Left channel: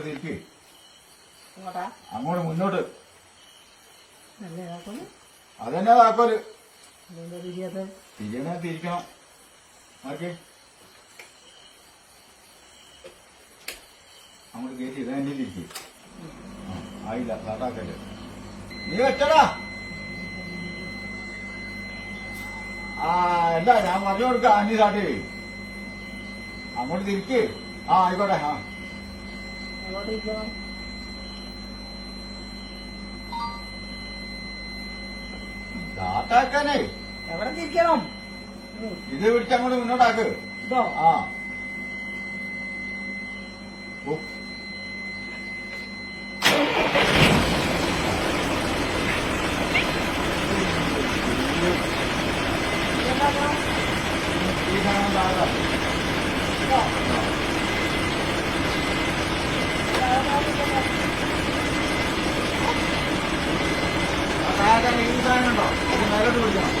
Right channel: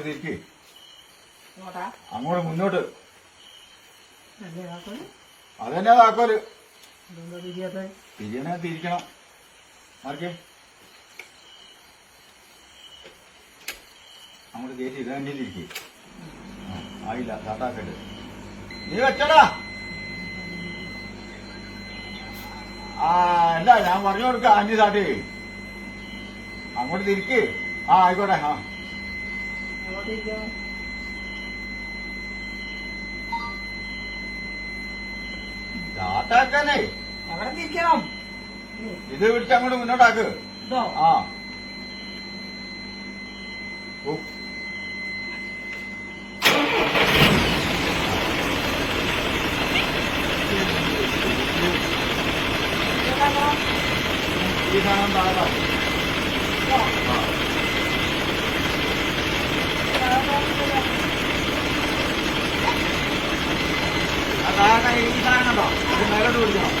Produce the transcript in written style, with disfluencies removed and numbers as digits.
അങ്ങോട്ട് തിരിക്ക്. അങ്ങോട്ടാ? അങ്ങോട്ട് മുന്നോട്ട്. അല്ലേ താക്കോല്? അതന്നെ താക്കോല്. അതെന്താ തിരിയാത്ത? തിരിയണേ തിരിക്കണം. മാറിക്കേ. അങ്ങോട്ട് കയറ്റി ഇതെന്നെ തിരിക്ക്. ആയില്ല, സാട്ടാക്കല്. നീ വെച്ചടാ. അല്ല ഞാൻ പറഞ്ഞു കൊടുക്ക. അഞ്ച് സാട്ടി അങ്ങോട്ട് തിരിക്ക്. ആയിക്കോട്ടെ. അങ്ങോട്ട് ഇരിക്കണം. സാട്ടാക്കാനേ എവിടെ തിരിക്കണം? ഇത് പിടിച്ച് അങ്ങോട്ട് മുന്നോട്ടാക്ക്. ഇതോ? ഈ സാധനം താഴെ. ആ താഴെ ഈ സാധനം ഉണ്ടോ? ഇത് മേലോട്ട് പിടിക്കണം.